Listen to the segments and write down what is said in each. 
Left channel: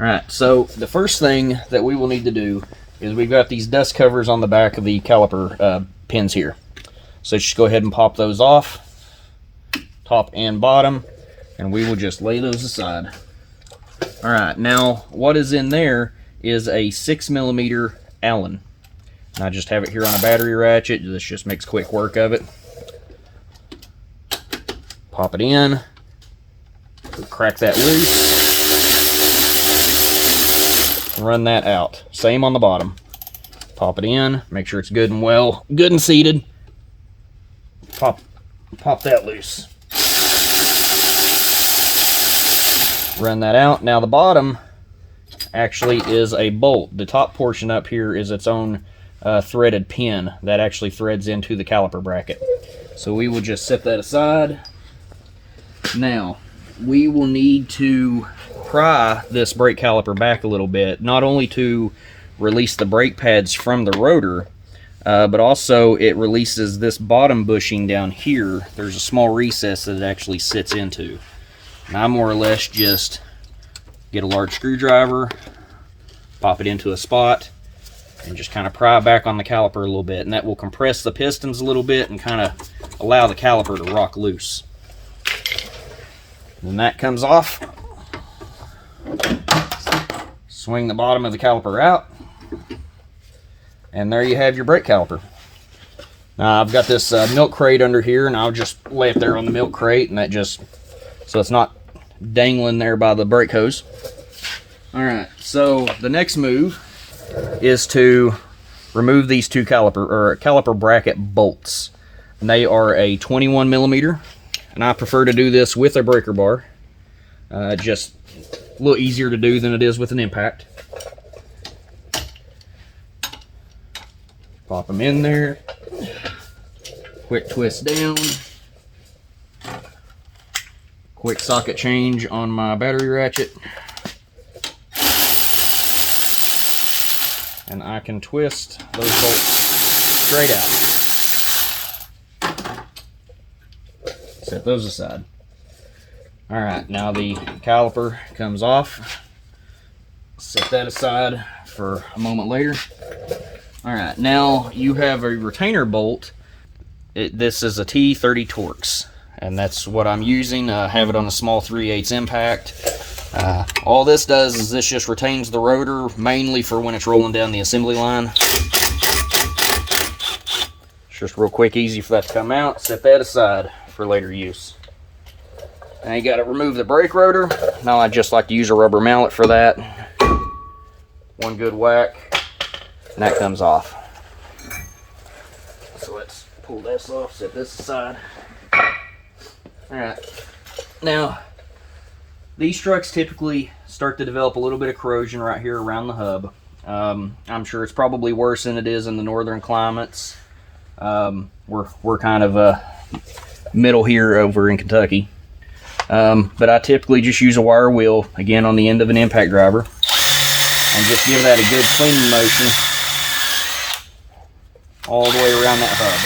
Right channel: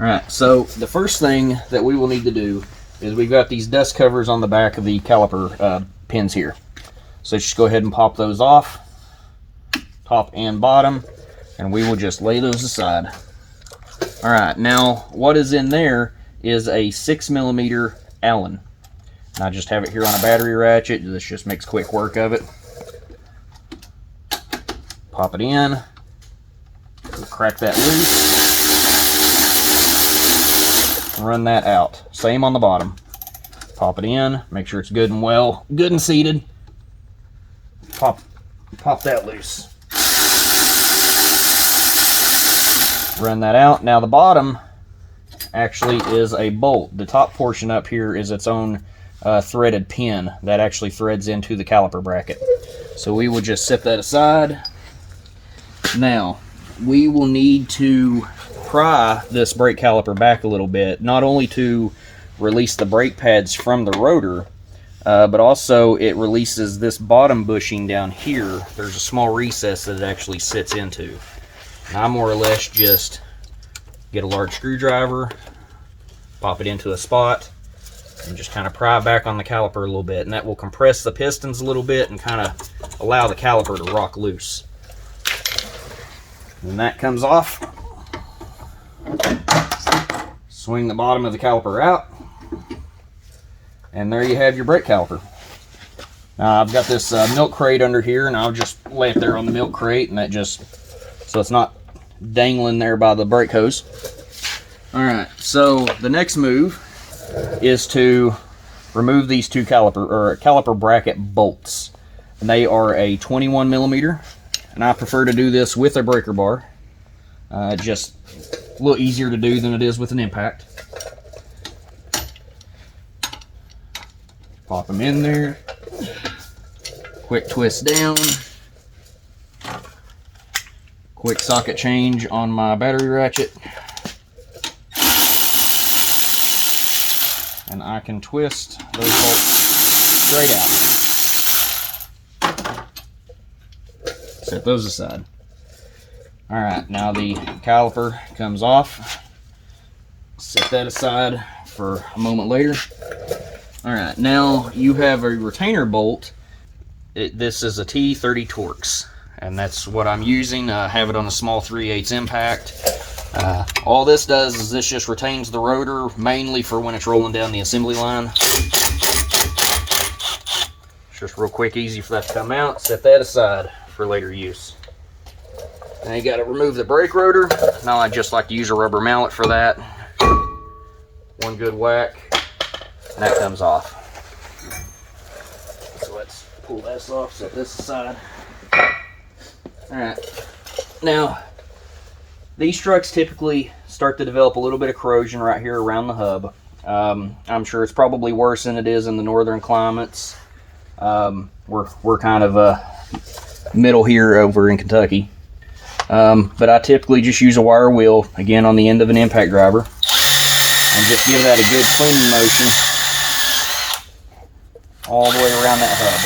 Alright, so the first thing that we will need to do is we've got these dust covers on the back of the caliper pins here. So just go ahead and pop those off, top and bottom, and we will just lay those aside. Alright, now what is in there is a 6mm Allen. And I just have it here on a battery ratchet. This just makes quick work of it. Pop it in, crack that loose, and run that out. Same on the bottom. Pop it in, make sure it's good and well, good and seated. Pop that loose. Run that out. Now the bottom actually is a bolt. The top portion up here is its own threaded pin that actually threads into the caliper bracket. So we will just set that aside. Now we will need to pry this brake caliper back a little bit, not only to release the brake pads from the rotor, but also it releases this bottom bushing down here. There's a small recess that it actually sits into. And I more or less just get a large screwdriver, pop it into a spot, and just kind of pry back on the caliper a little bit, and that will compress the pistons a little bit and kind of allow the caliper to rock loose. When that comes off, swing the bottom of the caliper out, and there you have your brake caliper. Now I've got this milk crate under here, and I'll just lay it there on the milk crate, and that just, so it's not dangling there by the brake hose. Alright, so the next move is to remove these two caliper bracket bolts. And they are a 21mm, and I prefer to do this with a breaker bar. Just a little easier to do than it is with an impact. Pop them in there. Quick twist down. Quick socket change on my battery ratchet. And I can twist those bolts straight out. Set those aside. Alright, now the caliper comes off. Set that aside for a moment later. Alright, now you have a retainer bolt. This is a T30 Torx, and that's what I'm using. I have it on a small 3/8 impact. All this does is this just retains the rotor, mainly for when it's rolling down the assembly line. It's just real quick, easy for that to come out. Set that aside for later use. Now you got to remove the brake rotor. Now I just like to use a rubber mallet for that. One good whack, and that comes off. So let's pull this off, set this aside. Alright, now these trucks typically start to develop a little bit of corrosion right here around the hub. I'm sure it's probably worse than it is in the northern climates. We're kind of middle here over in Kentucky. But I typically just use a wire wheel, again on the end of an impact driver, and just give that a good cleaning motion all the way around that hub.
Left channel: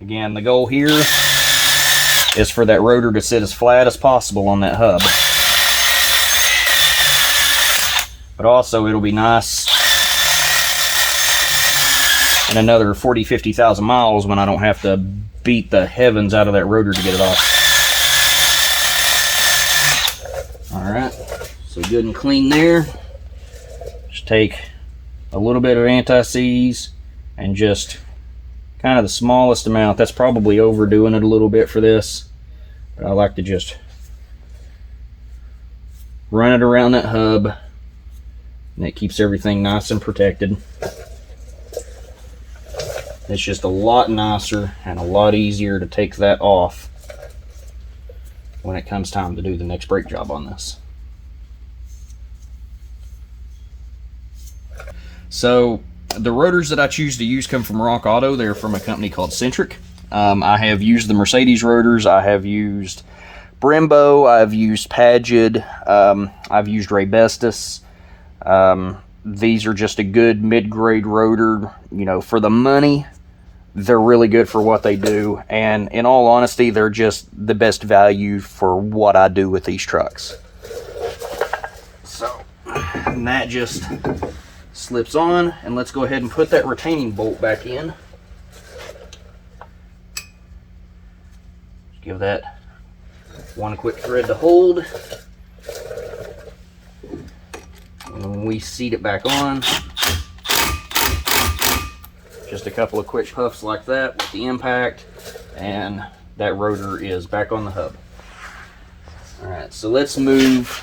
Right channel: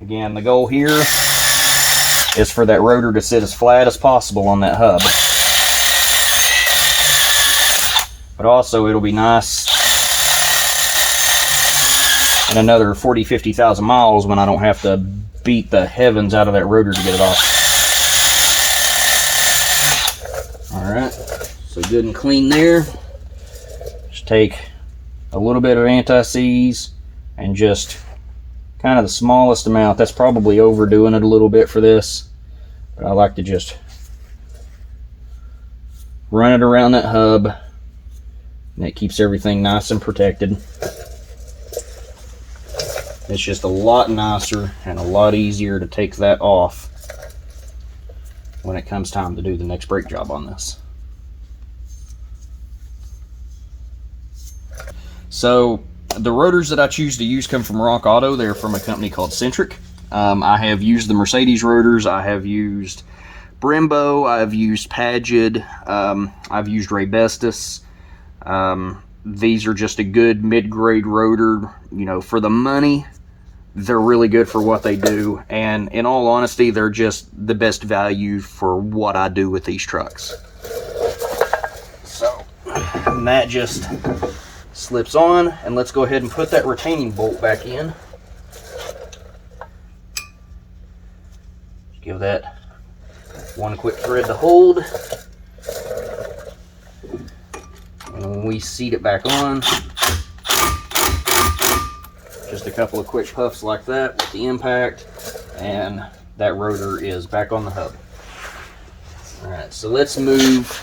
Again, the goal here is for that rotor to sit as flat as possible on that hub. But also it'll be nice in another 40-50,000 miles when I don't have to beat the heavens out of that rotor to get it off. Alright, so good and clean there. Just take a little bit of anti-seize and just kind of the smallest amount. That's probably overdoing it a little bit for this, but I like to just run it around that hub, and it keeps everything nice and protected. It's just a lot nicer and a lot easier to take that off when it comes time to do the next brake job on this. So the rotors that I choose to use come from Rock Auto. They're from a company called Centric. I have used the Mercedes rotors. I have used Brembo. I've used Pagid. I've used Raybestos. These are just a good mid-grade rotor, you know, for the money. they're really good for what they do, and in all honesty, they're just the best value for what I do with these trucks. So that just slips on, and let's go ahead and put that retaining bolt back in. Give that one quick thread to hold, and we seat it back on. Just a couple of quick puffs like that with the impact, and that rotor is back on the hub. All right, so let's move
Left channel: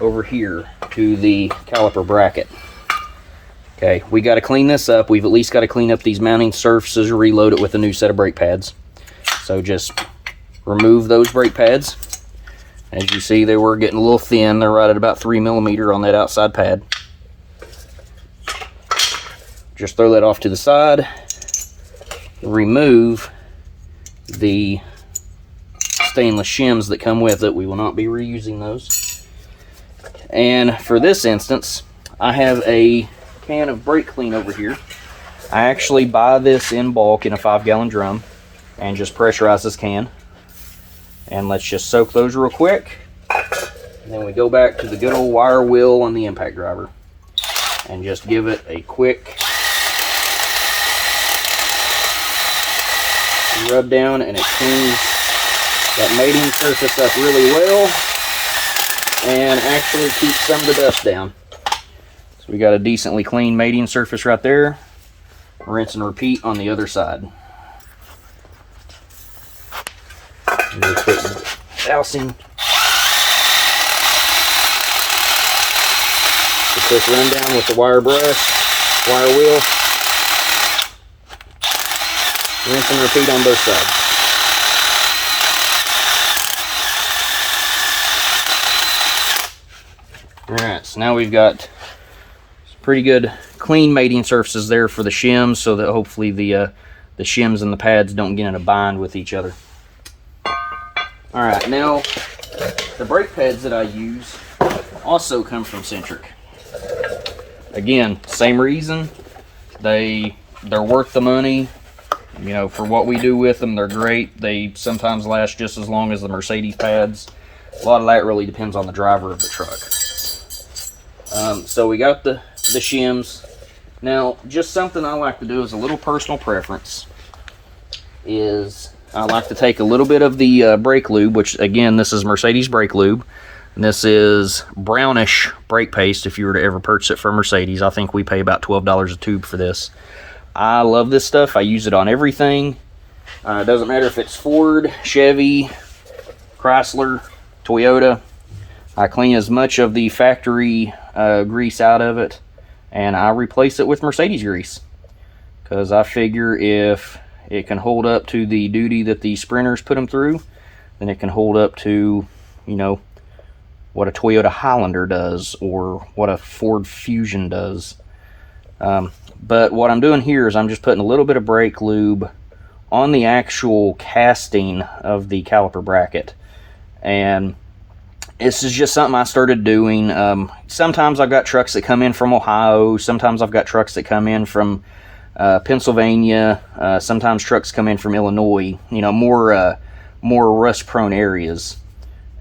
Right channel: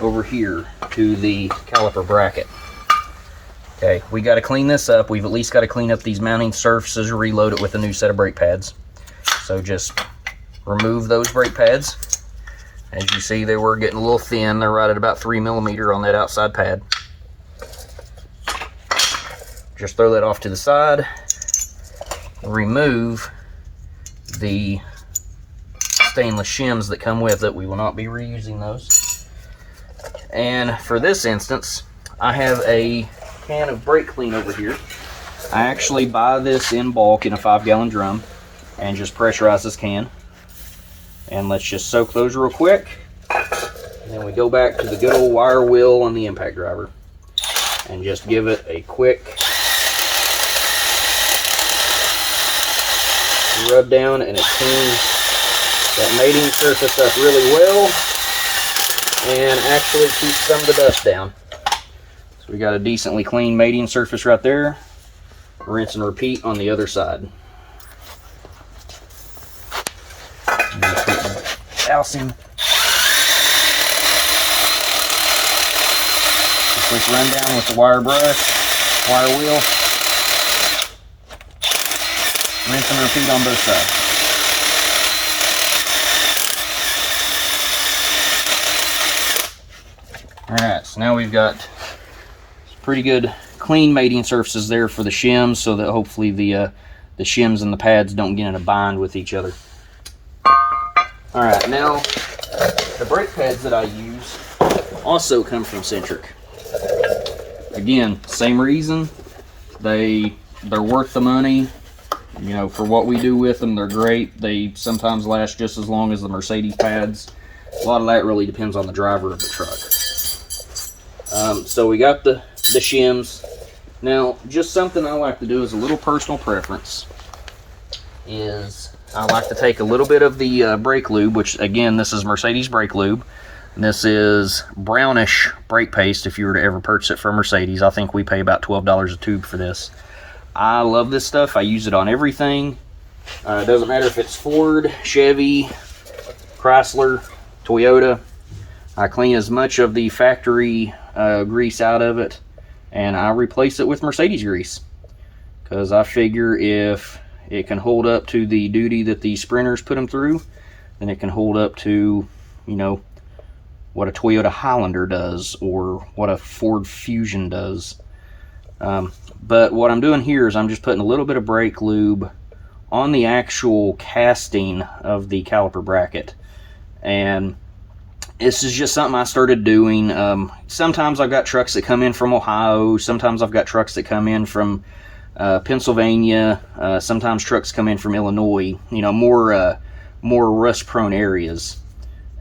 over here to the caliper bracket. Okay, we got to clean this up. We've at least got to clean up these mounting surfaces, reload it with a new set of brake pads. So just remove those brake pads. As you see, they were getting a little thin. They're right at about 3 millimeter on that outside pad. Just throw that off to the side. Remove the stainless shims that come with it. We will not be reusing those. And for this instance, I have a can of brake clean over here. I actually buy this in bulk in a 5-gallon drum and just pressurize this can. And let's just soak those real quick. And then we go back to the good old wire wheel on the impact driver and just give it a quick rub down, and it cleans that mating surface up really well and actually keeps some of the dust down. So we got a decently clean mating surface right there. Rinse and repeat on the other side. Dousing. A quick rundown with the wire brush, wire wheel. Rinse and repeat on both sides. Alright, so now we've got some pretty good clean mating surfaces there for the shims, so that hopefully the shims and the pads don't get in a bind with each other. Alright, now the brake pads that I use also come from Centric. Again, same reason. They're worth the money. You know, for what we do with them, they're great. They sometimes last just as long as the Mercedes pads. A lot of that really depends on the driver of the truck. So we got the shims. Now, just something I like to do as a little personal preference is I like to take a little bit of the brake lube, which again, this is Mercedes brake lube. And this is brownish brake paste if you were to ever purchase it from Mercedes. I think we pay about $12 a tube for this. I love this stuff. I use it on everything. It doesn't matter if it's Ford, Chevy, Chrysler, Toyota. I clean as much of the factory grease out of it, and I replace it with Mercedes grease, because I figure if it can hold up to the duty that the Sprinters put them through, then it can hold up to, you know, what a Toyota Highlander does or what a Ford Fusion does. But what I'm doing here is I'm just putting a little bit of brake lube on the actual casting of the caliper bracket. And this is just something I started doing. Sometimes I've got trucks that come in from Ohio. Sometimes I've got trucks that come in from Pennsylvania. Sometimes trucks come in from Illinois. You know, more rust-prone areas.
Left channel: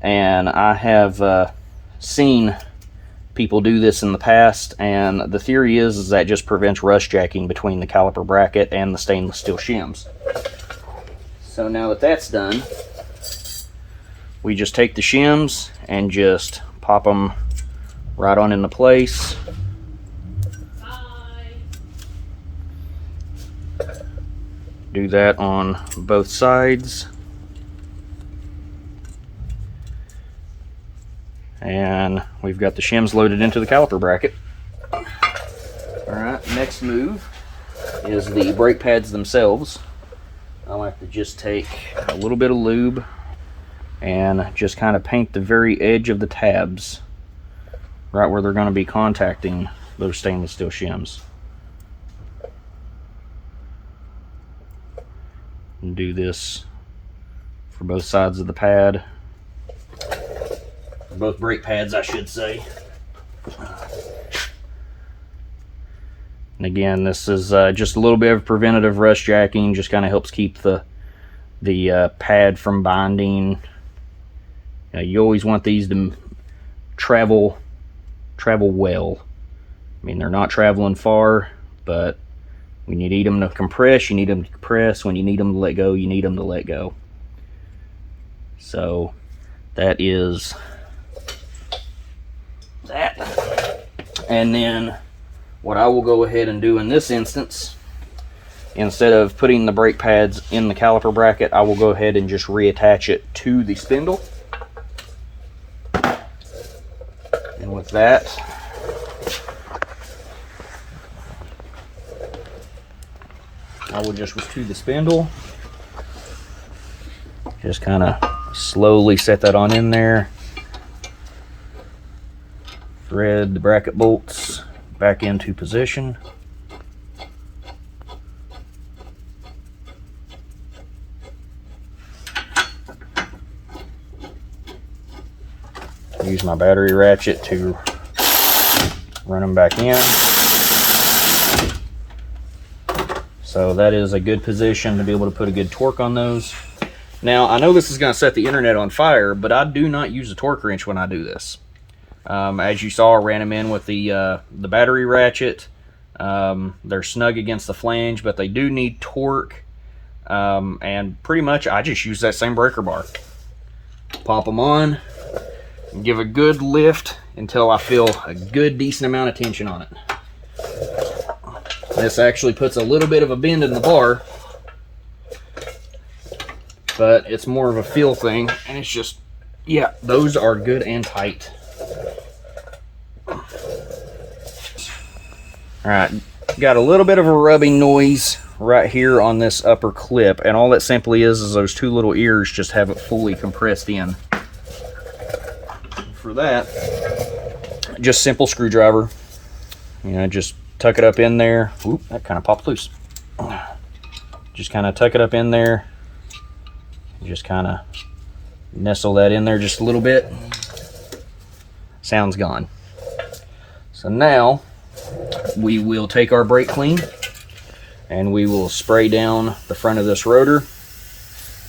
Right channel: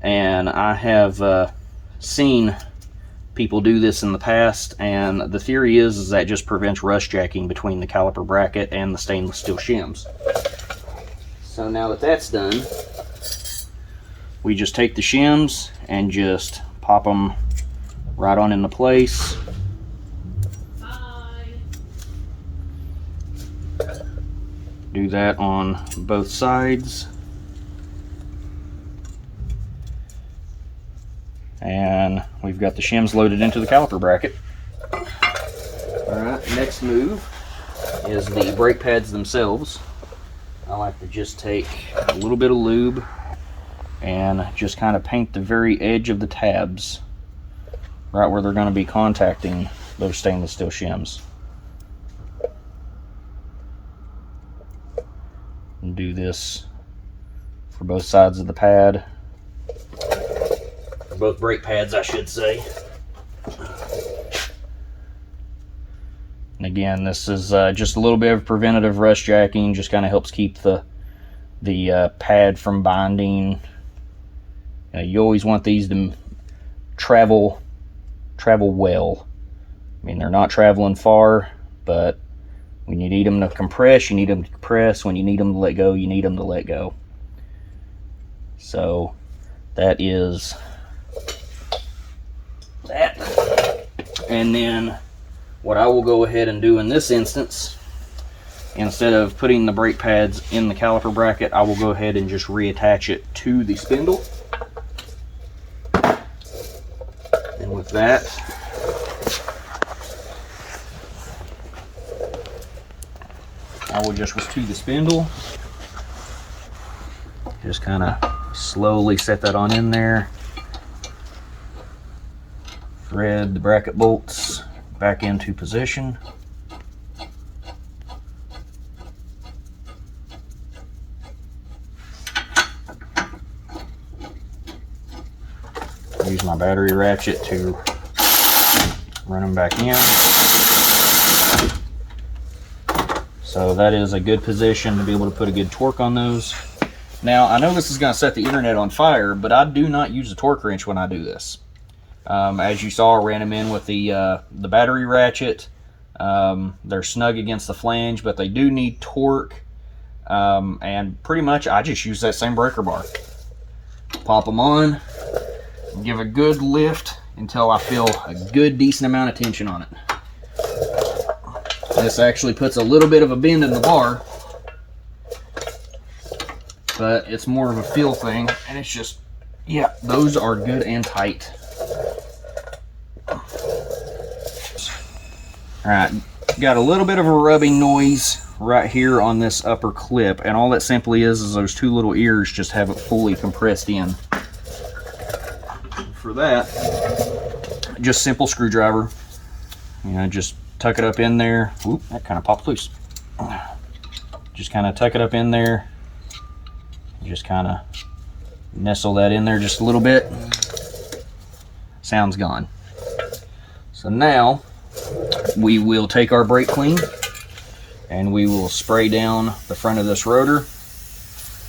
And I have seen people do this in the past, and the theory is that just prevents rust jacking between the caliper bracket and the stainless steel shims. So now that that's done, we just take the shims and just pop them right on into place. Do that on both sides. And we've got the shims loaded into the caliper bracket. Alright, next move is the brake pads themselves. I like to just take a little bit of lube and just kind of paint the very edge of the tabs, right where they're going to be contacting those stainless steel shims. And do this for both sides of the pad. Both brake pads, I should say. And again, this is just a little bit of preventative rust jacking, just kind of helps keep the pad from binding. You always want these to travel well. I mean, they're not traveling far, but when you need them to compress, you need them to compress. When you need them to let go, you need them to let go. So that is that. And then what I will go ahead and do in this instance, instead of putting the brake pads in the caliper bracket, I will go ahead and just reattach it to the spindle. And with that, I will just to the spindle, just kind of slowly set that on in there, thread the bracket bolts back into position. Use my battery ratchet to run them back in. So that is a good position to be able to put a good torque on those. Now, I know this is going to set the internet on fire, but I do not use a torque wrench when I do this. As you saw, I ran them in with the battery ratchet. They're snug against the flange, but they do need torque. And pretty much I just use that same breaker bar. Pop them on, and give a good lift until I feel a good decent amount of tension on it. This actually puts a little bit of a bend in the bar, but it's more of a feel thing, and it's just, yeah, those are good and tight. Alright, got a little bit of a rubbing noise right here on this upper clip, and all that simply is those two little ears just haven't fully compressed in. For that, just simple screwdriver, just tuck it up in there. Oop, that kind of popped loose. Just kind of tuck it up in there. Just kind of nestle that in there just a little bit. Sound's gone. So now we will take our brake clean and we will spray down the front of this rotor.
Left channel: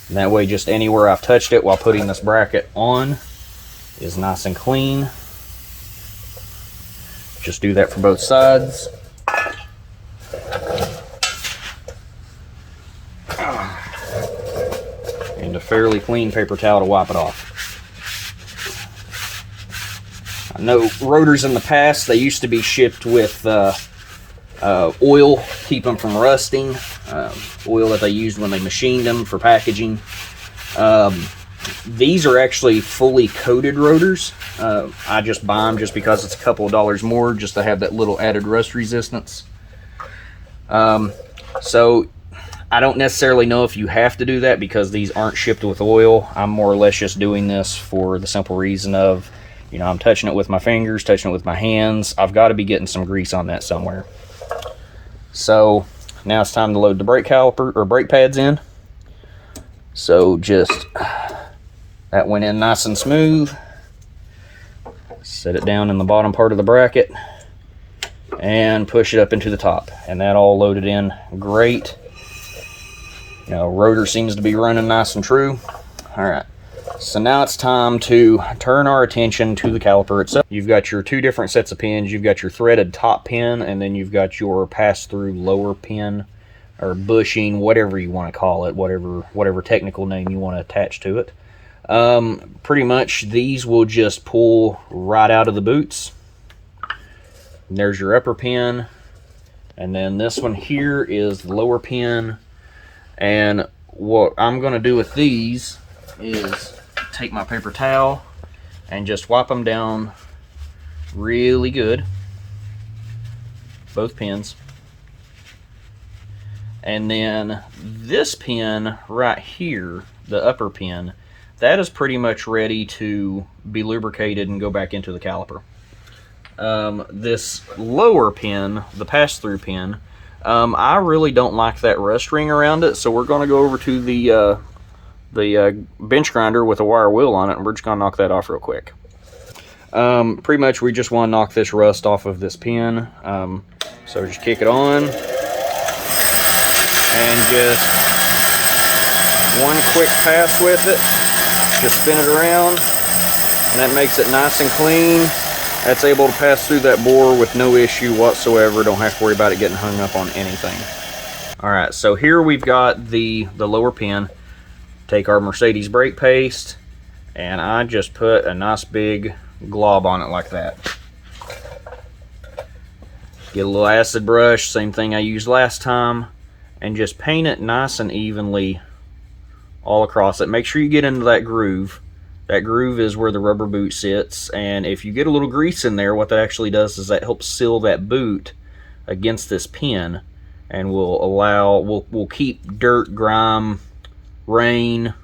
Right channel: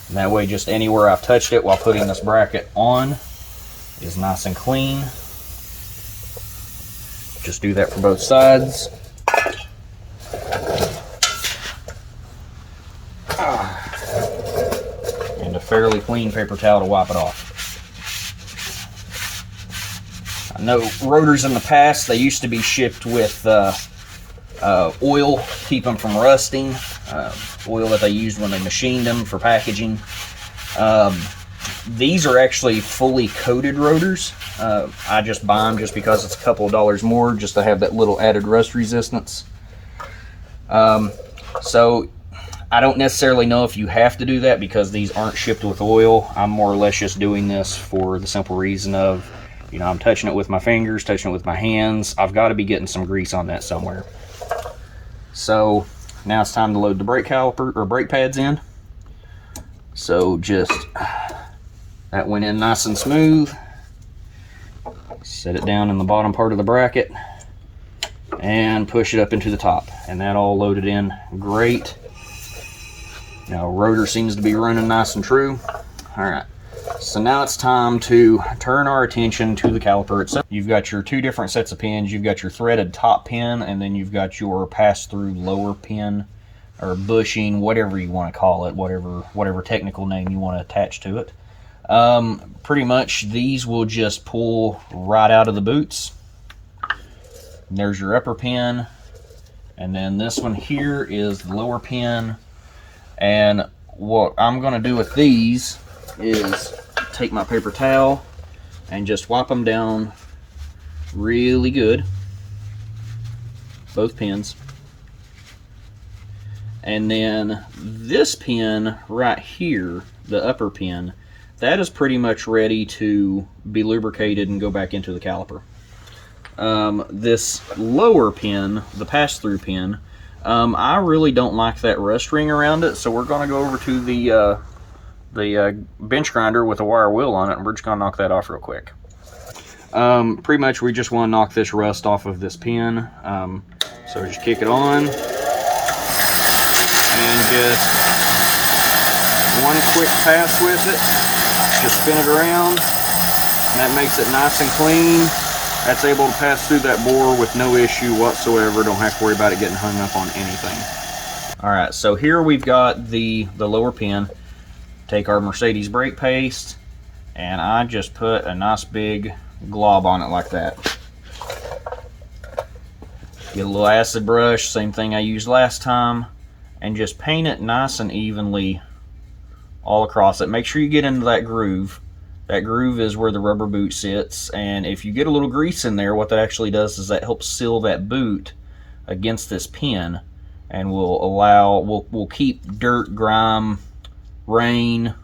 And that way, just anywhere I've touched it while putting this bracket on is nice and clean. Just do that for both sides. And a fairly clean paper towel to wipe it off. I know rotors in the past, they used to be shipped with oil to keep them from rusting. Oil that they used when they machined them for packaging. These are actually fully coated rotors. I just buy them just because it's a couple of dollars more just to have that little added rust resistance. So I don't necessarily know if you have to do that because these aren't shipped with oil. I'm more or less just doing this for the simple reason of, I'm touching it with my fingers, touching it with my hands. I've got to be getting some grease on that somewhere. So now it's time to load the brake caliper or brake pads in. So just, that went in nice and smooth. Set it down in the bottom part of the bracket and push it up into the top. And that all loaded in great. Now, rotor seems to be running nice and true. All right, so now it's time to turn our attention to the caliper itself. You've got your two different sets of pins. You've got your threaded top pin, and then you've got your pass-through lower pin, or bushing, whatever you want to call it, whatever technical name you want to attach to it. Pretty much these will just pull right out of the boots. And there's your upper pin, and then this one here is the lower pin. And what I'm going to do with these is take my paper towel and just wipe them down really good, both pins. And then this pin right here, the upper pin, that is pretty much ready to be lubricated and go back into the caliper. This lower pin, the pass-through pin, I really don't like that rust ring around it, so we're going to go over to the bench grinder with a wire wheel on it, and we're just going to knock that off real quick. Pretty much we just want to knock this rust off of this pin. So just kick it on and just one quick pass with it. Just spin it around, and that makes it nice and clean. That's able to pass through that bore with no issue whatsoever. Don't have to worry about it getting hung up on anything. All right, so here we've got the lower pin. Take our Mercedes brake paste, and I just put a nice big glob on it like that. Get a little acid brush, same thing I used last time, and just paint it nice and evenly all across it. Make sure you get into that groove. That groove is where the rubber boot sits, and if you get a little grease in there, what that actually does is that helps seal that boot against this pin, and will keep dirt, grime, rain,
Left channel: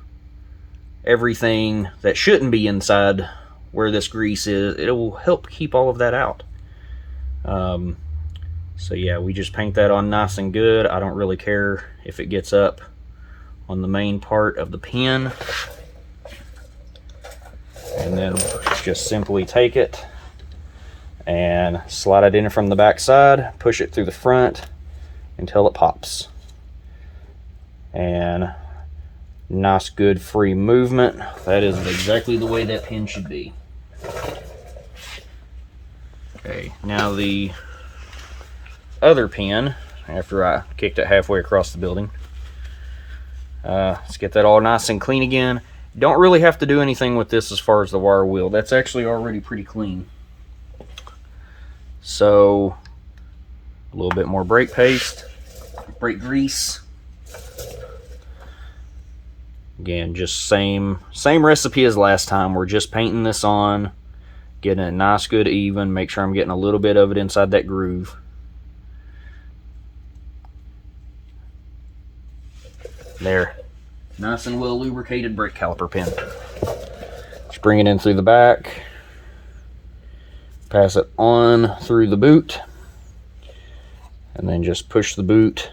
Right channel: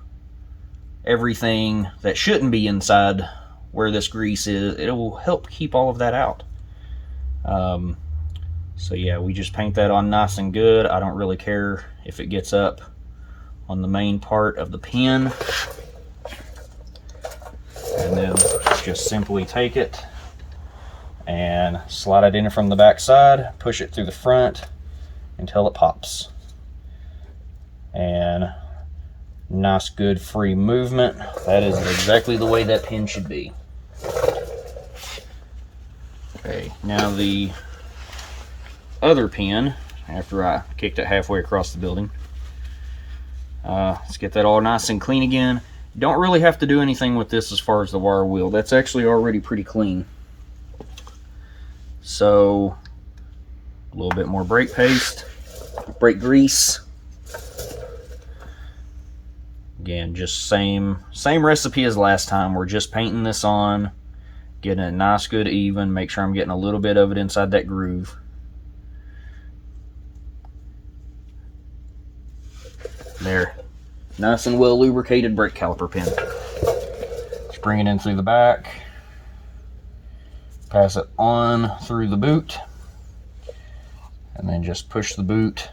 everything that shouldn't be inside where this grease is. It will help keep all of that out. So yeah, we just paint that on nice and good. I don't really care if it gets up on the main part of the pin. And then just simply take it and slide it in from the back side, push it through the front until it pops. And nice, good, free movement. That is exactly the way that pin should be. Okay, now the other pin, after I kicked it halfway across the building. Let's get that all nice and clean again. Don't really have to do anything with this as far as the wire wheel. That's actually already pretty clean. So, a little bit more brake paste, brake grease. Again, just same recipe as last time. We're just painting this on, getting it nice, good, even. Make sure I'm getting a little bit of it inside that groove. There. Nice and well lubricated brake caliper pin. Just bring it in through the back. Pass it on through the boot. And then just push the boot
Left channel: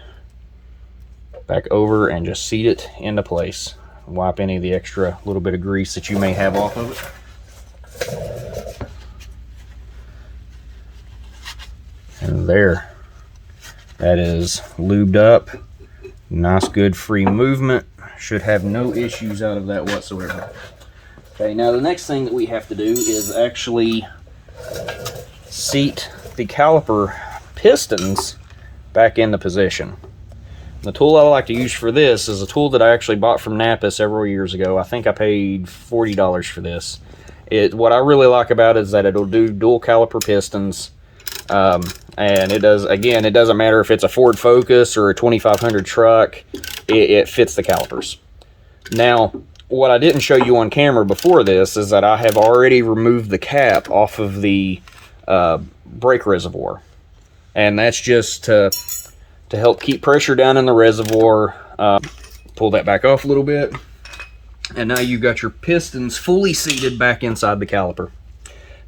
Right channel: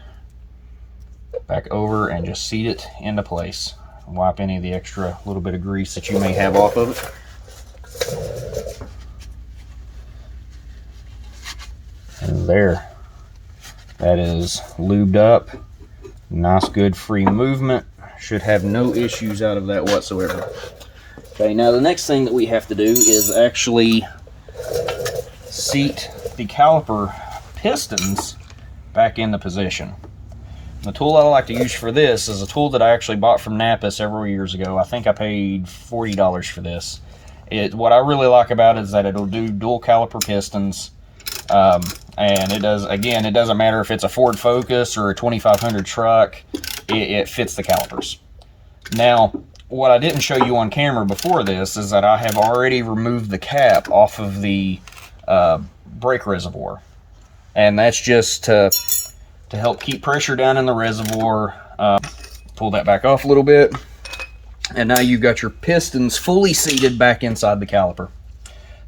back over and just seat it into place. Wipe any of the extra little bit of grease that you may have off of it. And there. That is lubed up. Nice, good, free movement. Should have no issues out of that whatsoever. Okay, now the next thing that we have to do is actually seat the caliper pistons back into position. The tool I like to use for this is a tool that I actually bought from Napa several years ago. I think I paid $40 for this. What I really like about it is that it'll do dual caliper pistons. And it does, again, it doesn't matter if it's a Ford Focus or a 2500 truck, it fits the calipers. Now, what I didn't show you on camera before this is that I have already removed the cap off of the brake reservoir. And that's just to help keep pressure down in the reservoir. Pull that back off a little bit. And now you've got your pistons fully seated back inside the caliper.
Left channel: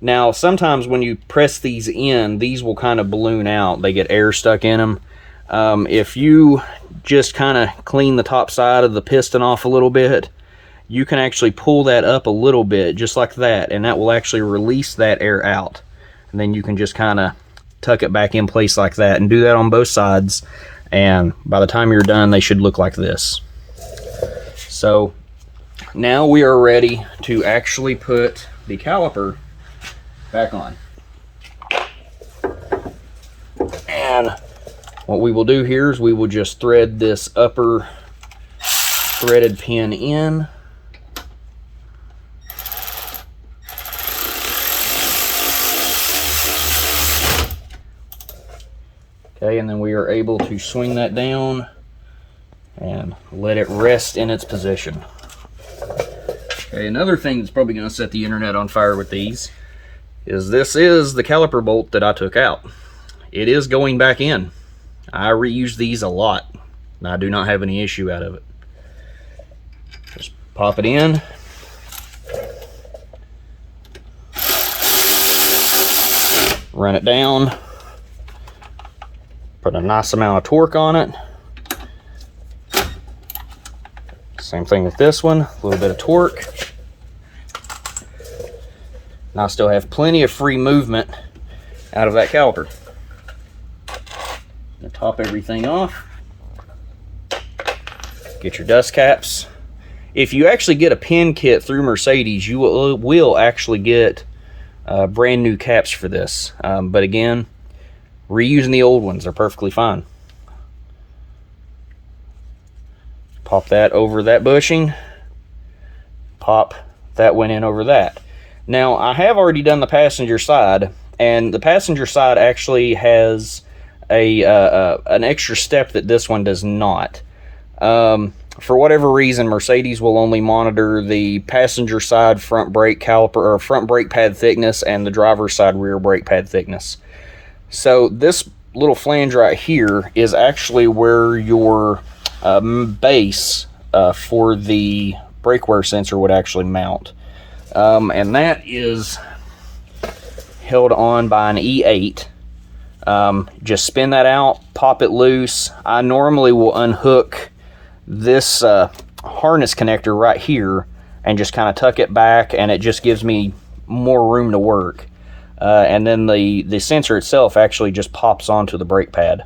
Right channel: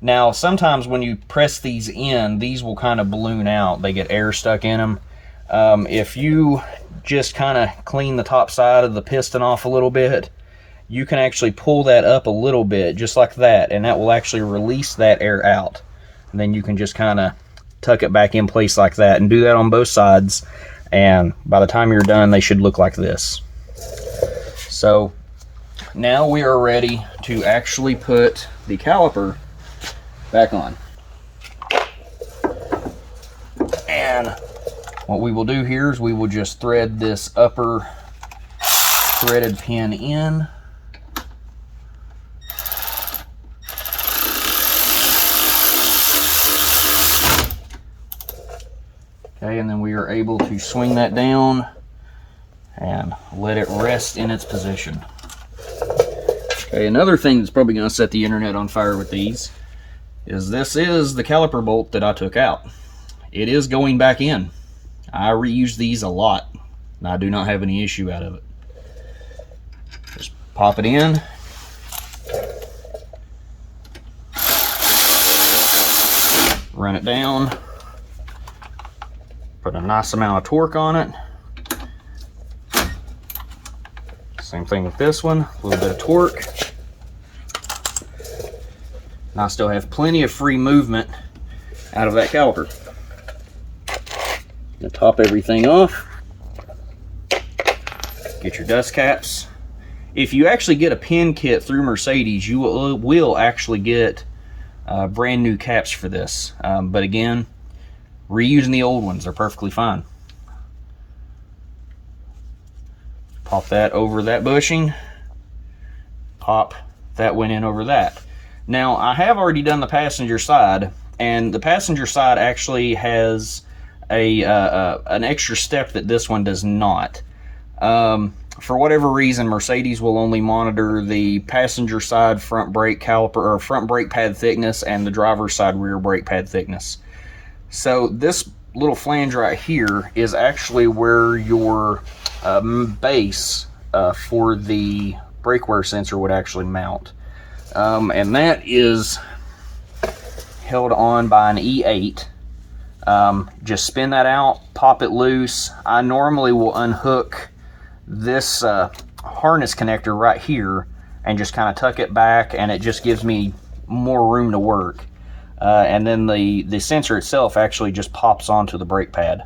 Now, sometimes when you press these in, these will kind of balloon out. They get air stuck in them. If you just kind of clean the top side of the piston off a little bit, you can actually pull that up a little bit, just like that, and that will actually release that air out. And then you can just kind of tuck it back in place like that, and do that on both sides, and by the time you're done, they should look like this. So, now we are ready to actually put the caliper back on. And what we will do here is we will just thread this upper threaded pin in. Okay, and then we are able to swing that down and let it rest in its position. Okay, another thing that's probably going to set the internet on fire with these is this is the caliper bolt that I took out. It is going back in. I reuse these a lot, and I do not have any issue out of it. Just pop it in. Run it down. Put a nice amount of torque on it. Same thing with this one, a little bit of torque. Now I still have plenty of free movement out of that caliper. Top everything off. Get your dust caps. If you actually get a pin kit through Mercedes, you will actually get brand new caps for this. But again, reusing the old ones are perfectly fine. Pop that over that bushing. Pop that one in over that. Now, I have already done the passenger side, and the passenger side actually has an extra step that this one does not. For whatever reason, Mercedes will only monitor the passenger side front brake caliper or front brake pad thickness and the driver's side rear brake pad thickness. So this little flange right here is actually where your base for the brake wear sensor would actually mount. And that is held on by an E8. Just spin that out, pop it loose. I normally will unhook this harness connector right here and just kind of tuck it back, and it just gives me more room to work. And then the sensor itself actually just pops onto the brake pad.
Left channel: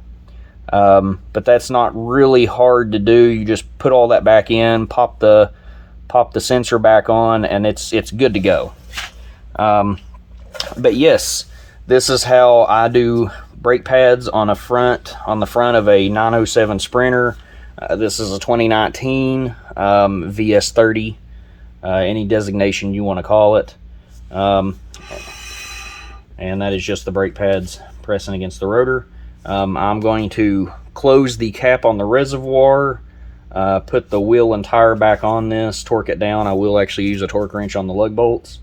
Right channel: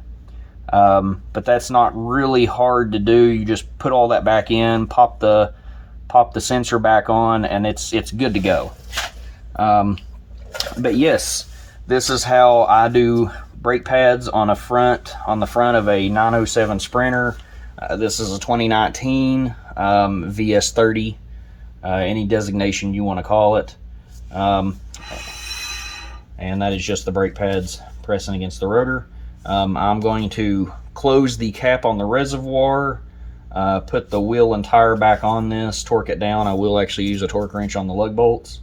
But that's not really hard to do. You just put all that back in, pop the sensor back on, and it's good to go. But yes, this is how I do brake pads on the front of a 907 Sprinter. This is a 2019 VS30, any designation you want to call it. And that is just the brake pads pressing against the rotor. I'm going to close the cap on the reservoir, put the wheel and tire back on this, torque it down. I will actually use a torque wrench on the lug bolts.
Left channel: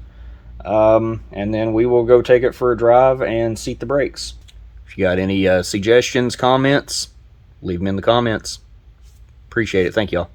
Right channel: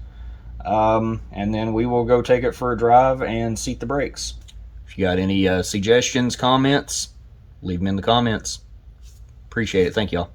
And then we will go take it for a drive and seat the brakes. If you got any suggestions, comments, leave them in the comments. Appreciate it. Thank y'all.